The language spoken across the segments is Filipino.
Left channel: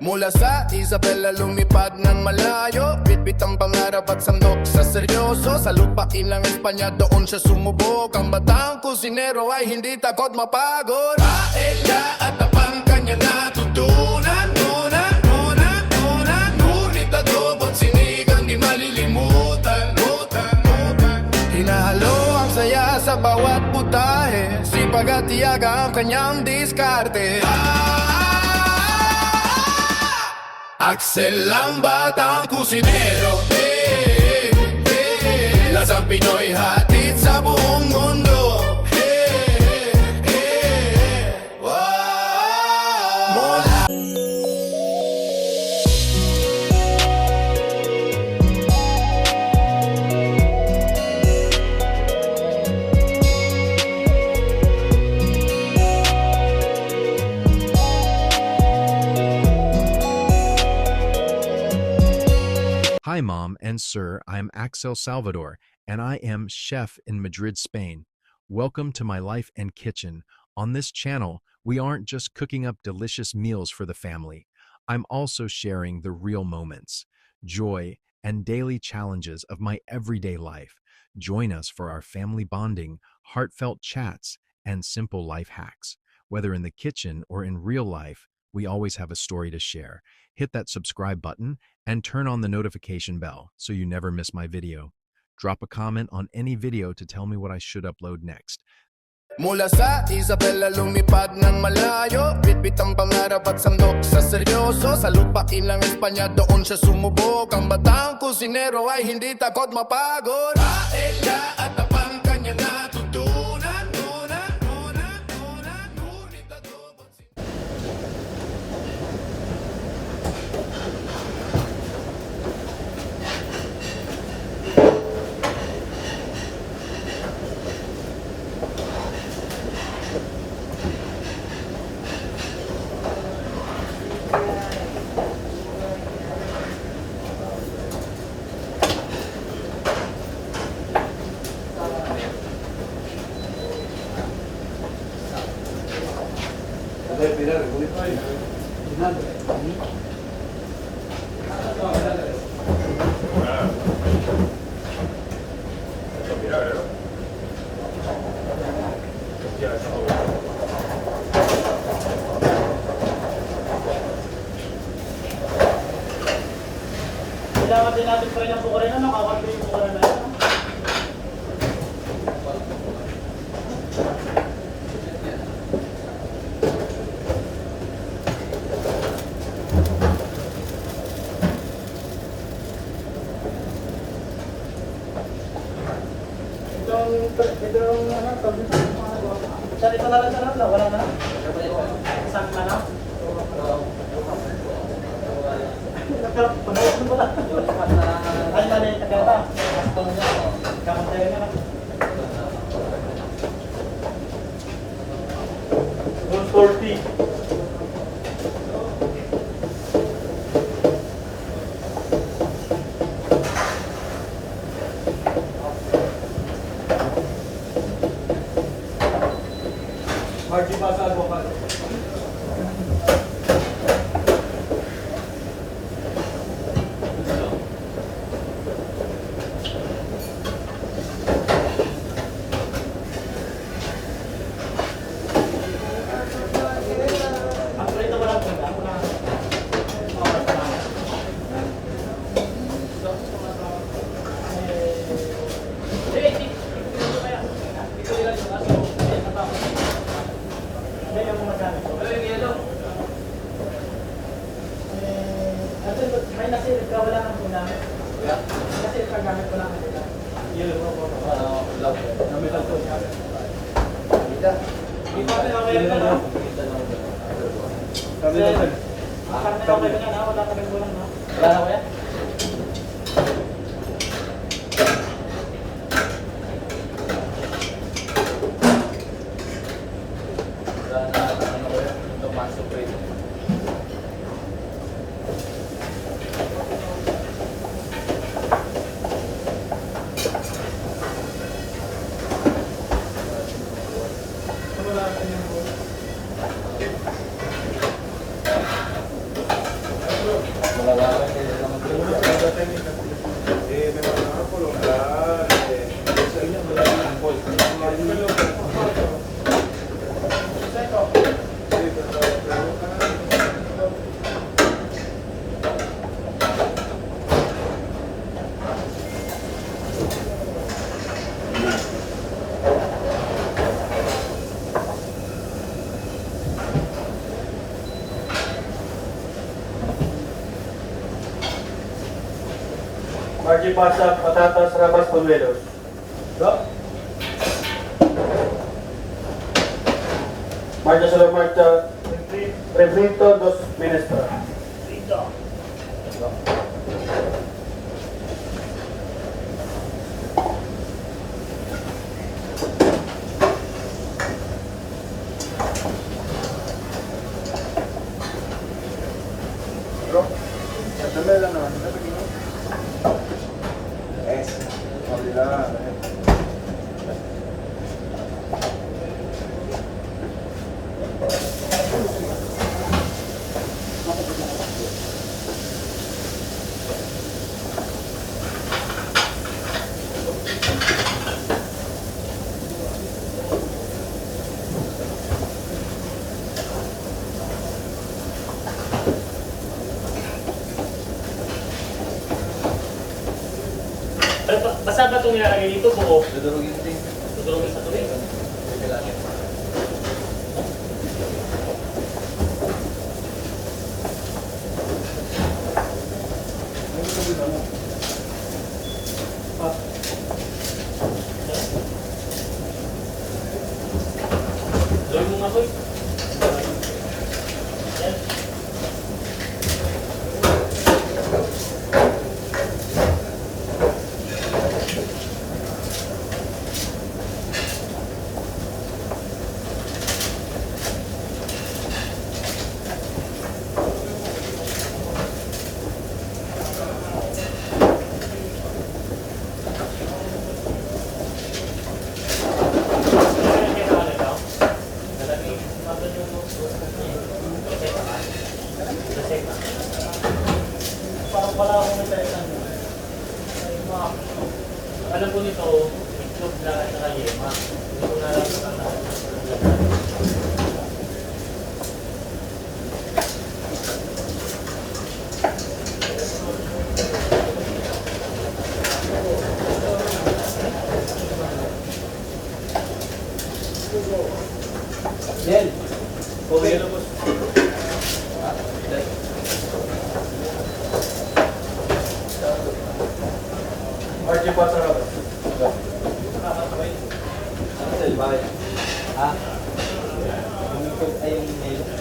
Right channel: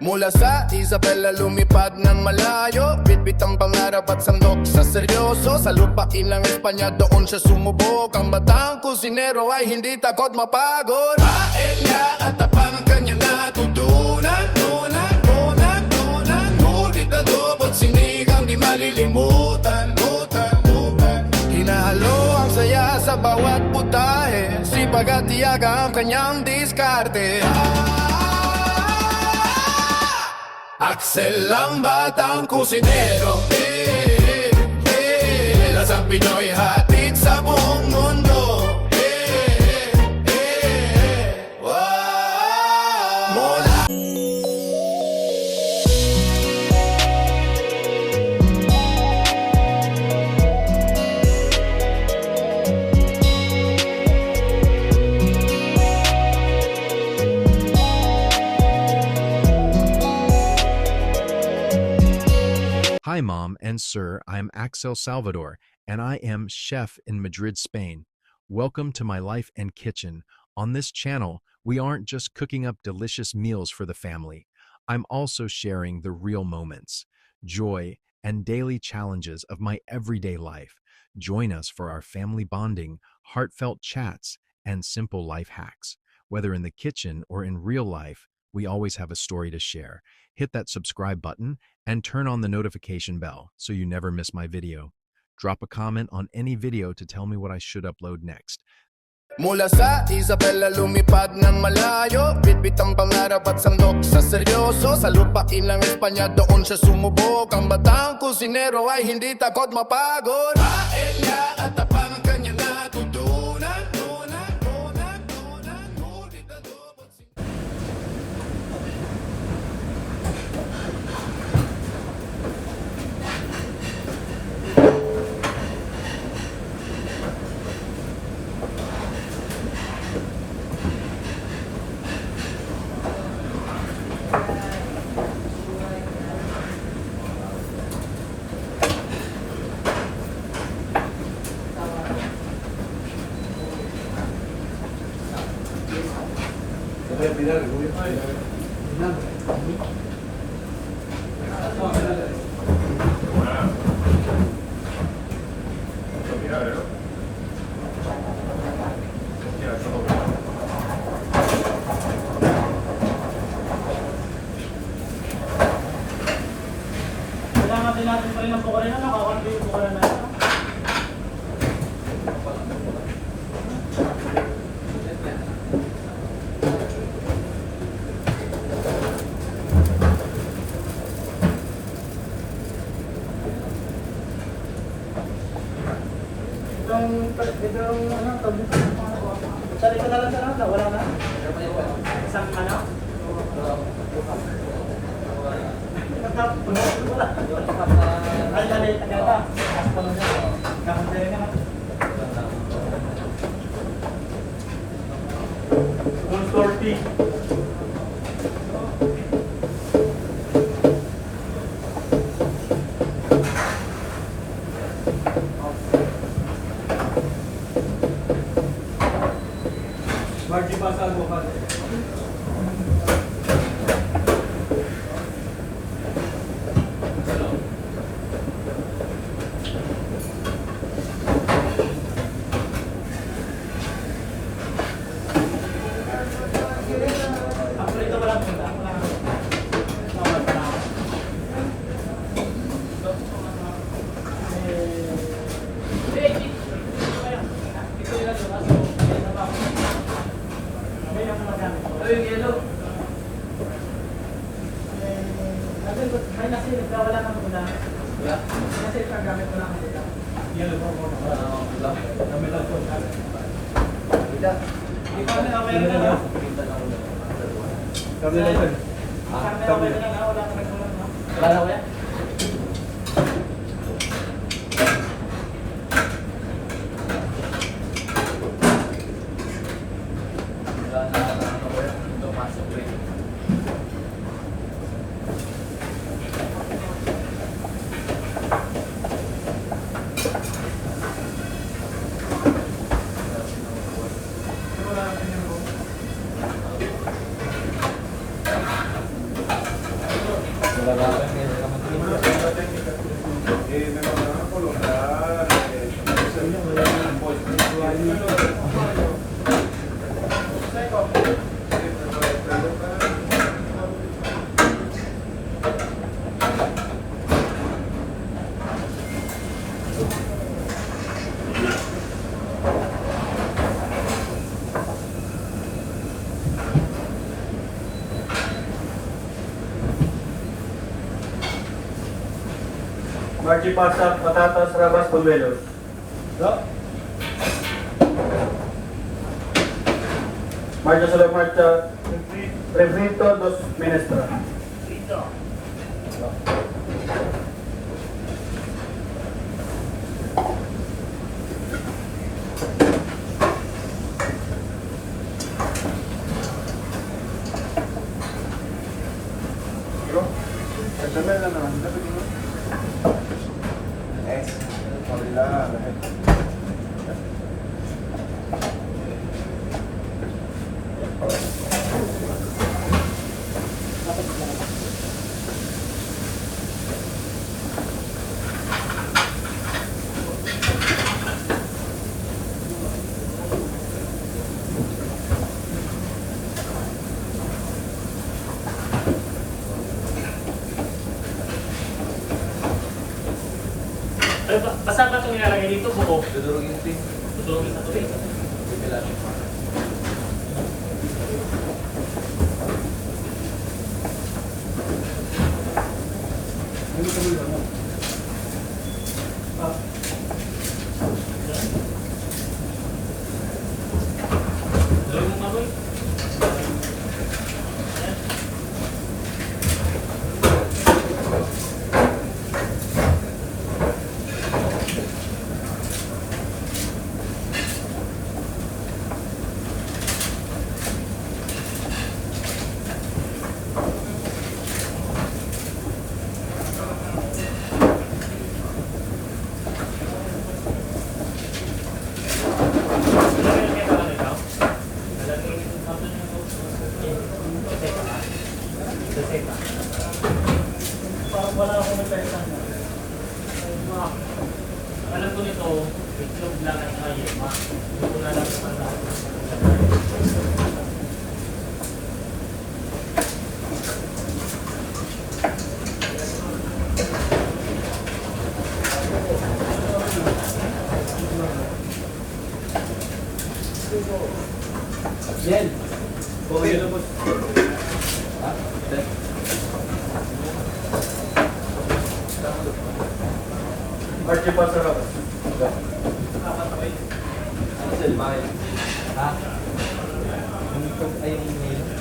Mula sa Isabela lumipad ng malayo, bitbit ang pangarap at sandok sa seryoso. Sa lupain ng Espanya doon siya sumubok. Ang batang kusinero ay hindi takot mapagod. Paella at tapang kanya natutunan. Ngunit adobo't sinigang di malilimutan. Hinahalo ang saya sa bawat putahe, sipag at tiyaga ang kanyang diskarte. Axel ang batang kusinero, lasang Pinoy hatid sa buong mundo. Mula Hi, Mom and Sir. I'm Axel Salvador, and I am chef in Madrid, Spain. Welcome to my life and kitchen. On this channel, we aren't just cooking up delicious meals for the family. I'm also sharing the real moments, joy, and daily challenges of my everyday life. Join us for our family bonding, heartfelt chats, and simple life hacks. Whether in the kitchen or in real life, we always have a story to share. Hit that subscribe button and turn on the notification bell so you never miss my video. Drop a comment on any video to tell me what I should upload next. Mula sa Isabela lumipad ng malayo, bitbit ang pangarap at sandok sa seryoso. Sa lupain ng Espanya doon siya sumubok. Ang batang kusinero ay hindi takot mapagod. Paella at tapang kanya natutunan. Ngunit adobo't Kailangan din natin pa rin ang bukarin na nakakampi yung bukarin na ito. Itong ano, tabi ito. Saan ito na lang sa lang? Wala na? Isang manok? Ano maliit na gata? Kakantaya naman. 140. Marty ba sa avocado? Wala na ko yan? Marchi pasta, patatas, rabas, polluelos. No? Marcha solo marcha. Refrito, 2 minestra. Basta ba itong nilalagay dito? Buo? Dudurugin din. Tutulogin sa tubig. Gawin mo nga ko eh. Alam ko nito, itlog na nakayema. Hindi ko na alam kung ano. Nel. Oh, yan ang boss. Marchi pasta, rabas. Ano sel, bakit? Ha? Ay, yung email.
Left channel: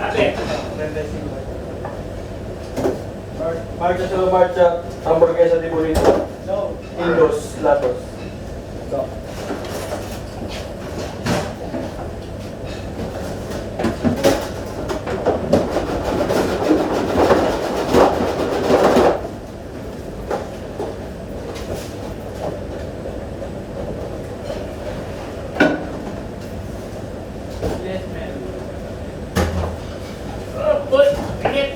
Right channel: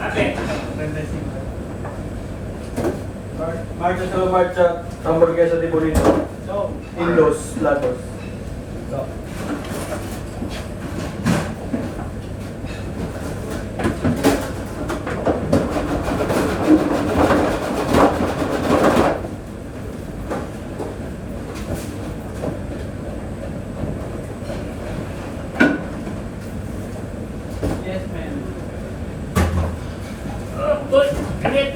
Ate, Marcha sa marcha, hamburguesa de bonito. En los lados. boy, init.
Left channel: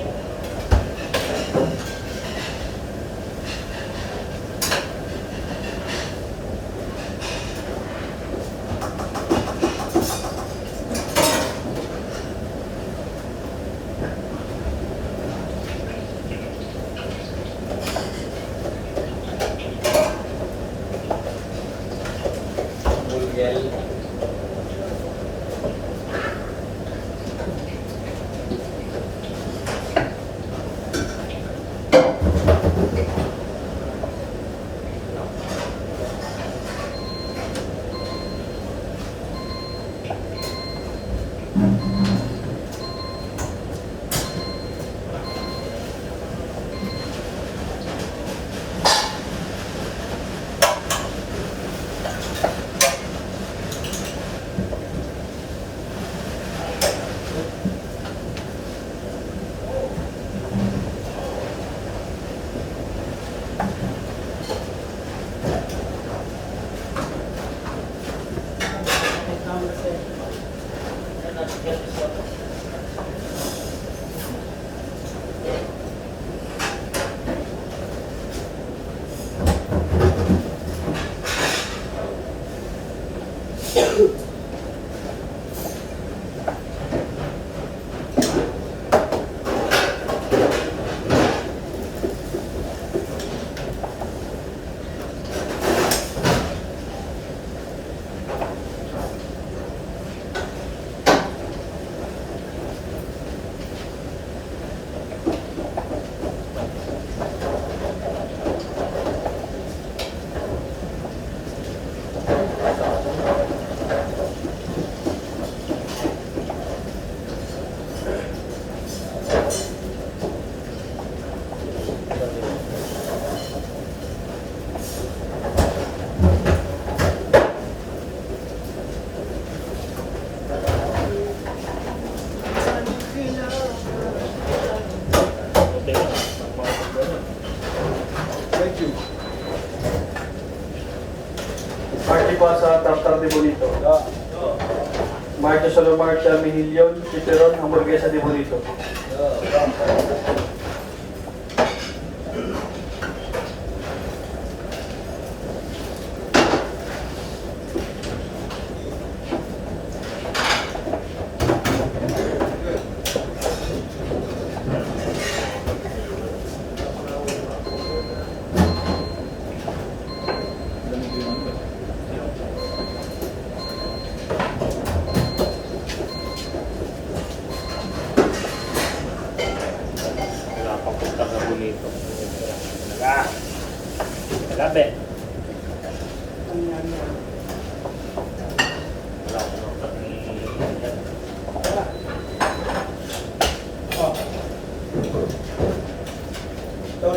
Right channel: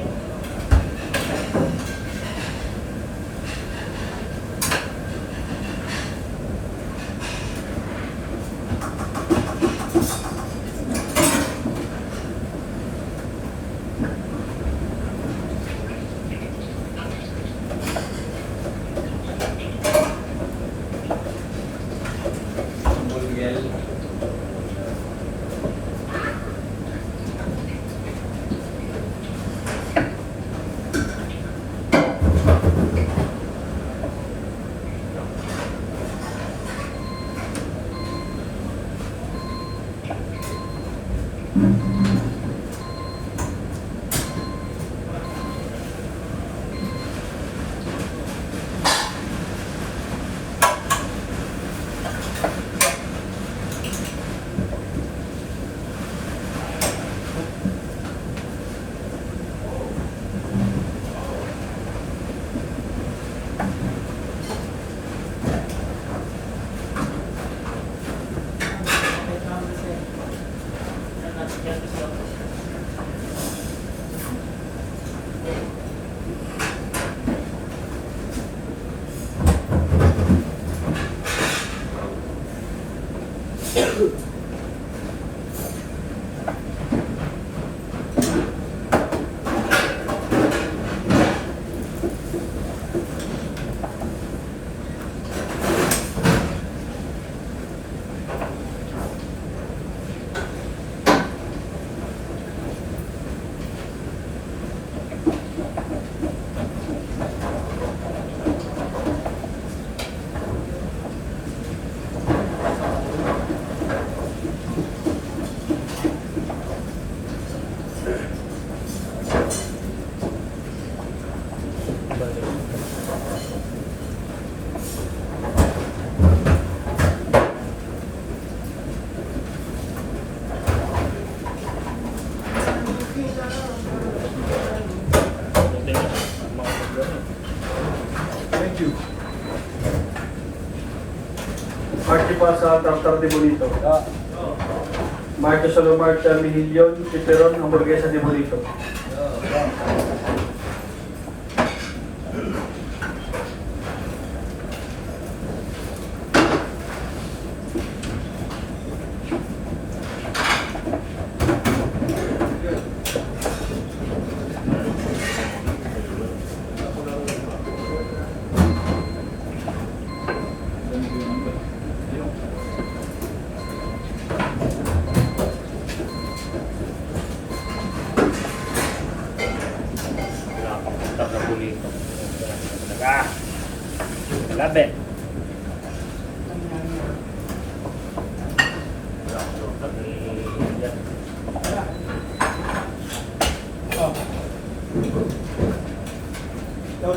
Marcha pa sa tartar de bonito. Marcha solo marcha mihilyon, pepperon, hamburguesa de bonito.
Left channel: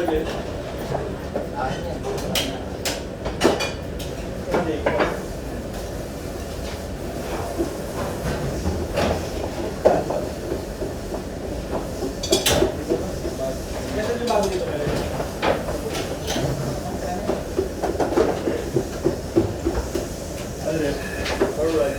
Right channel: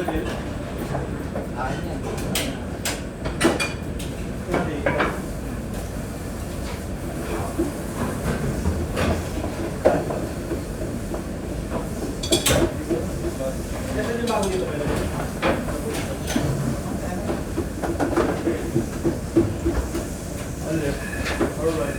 Pwede. Pwede. Kasi yung bago dito pwede. Alright. Alright.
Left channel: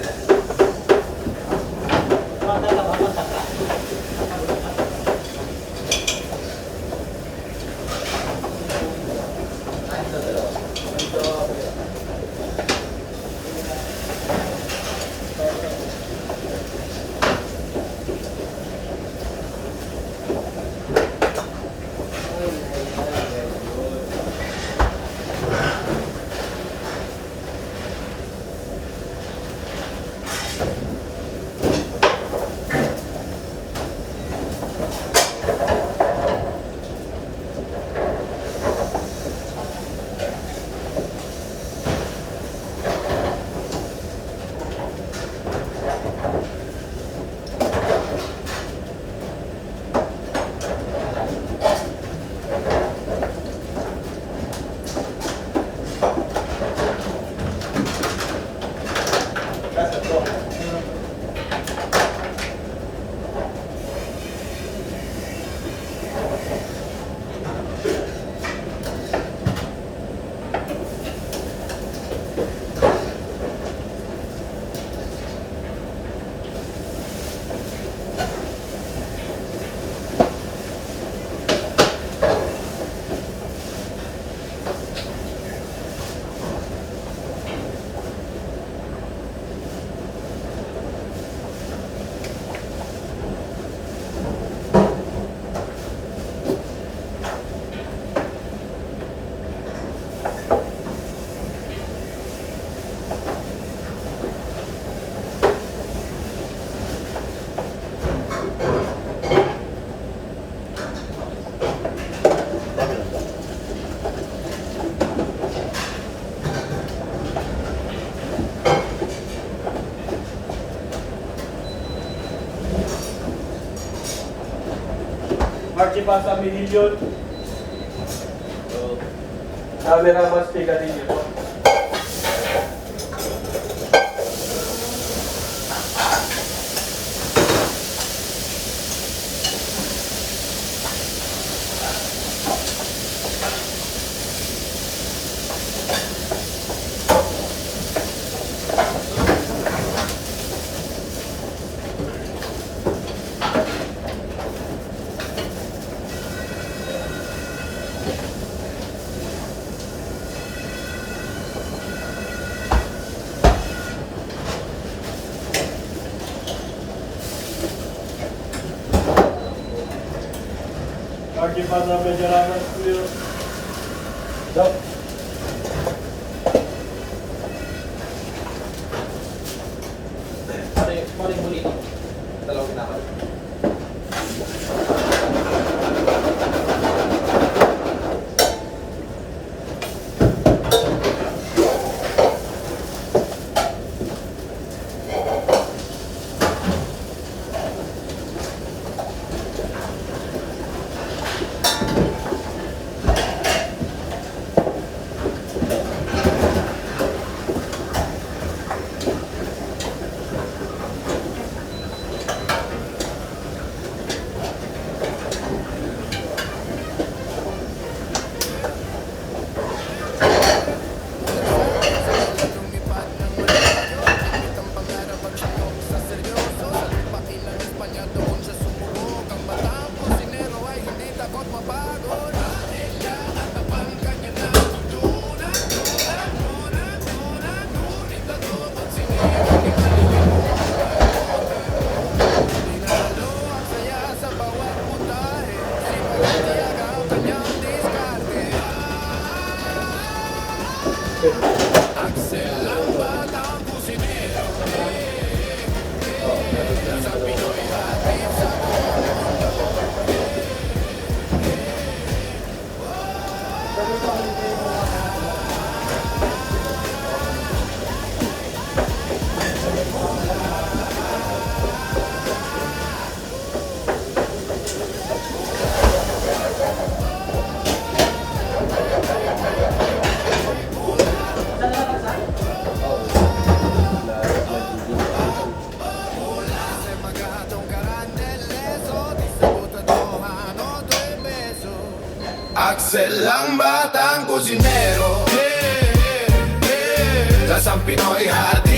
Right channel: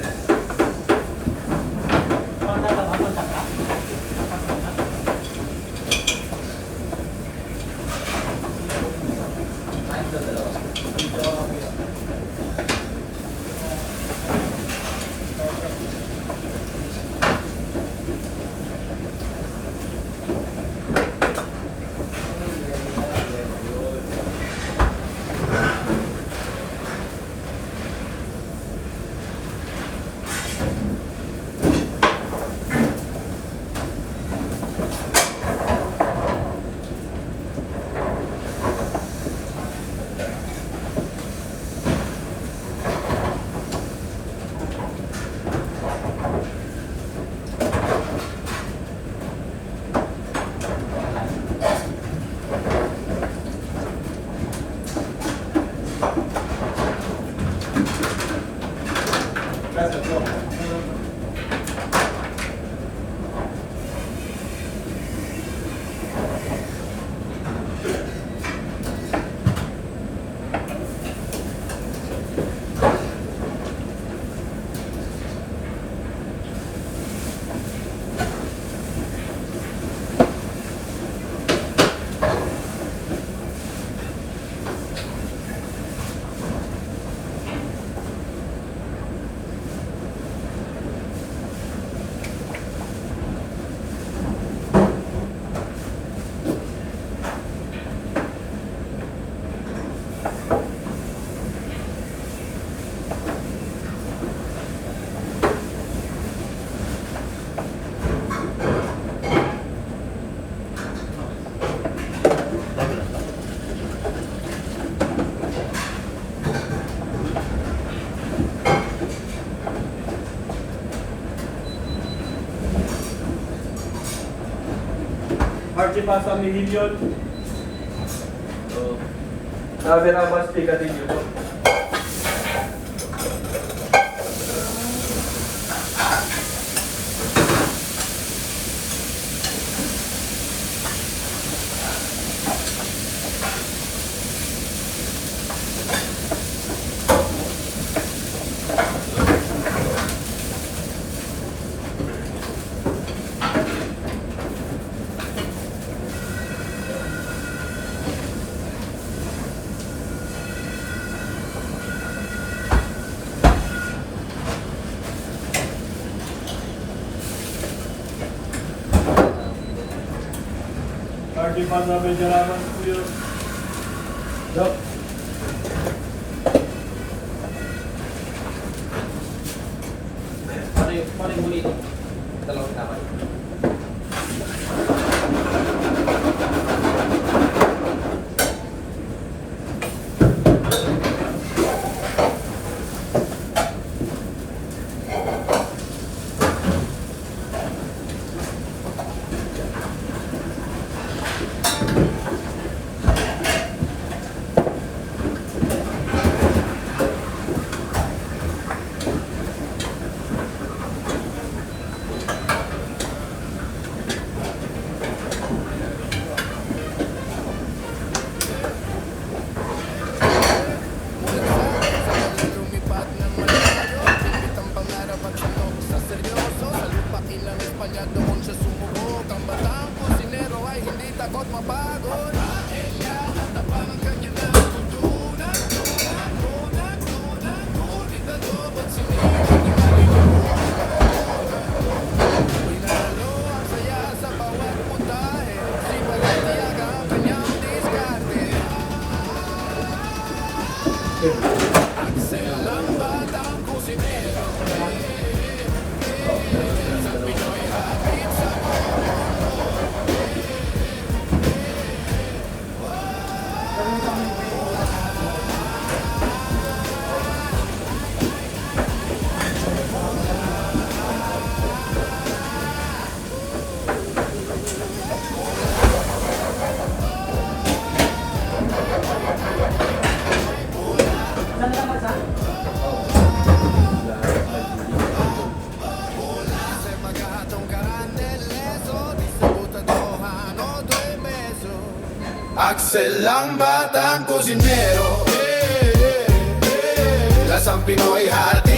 Marchi pa sa milyon. So, camera mas pika din yun. Marchi pa sa medyo naman po yun. Yup. Paring bonito. Dalawang na ako. mano, due beso. Axel ang batang kusinero, lasang Pinoy hearty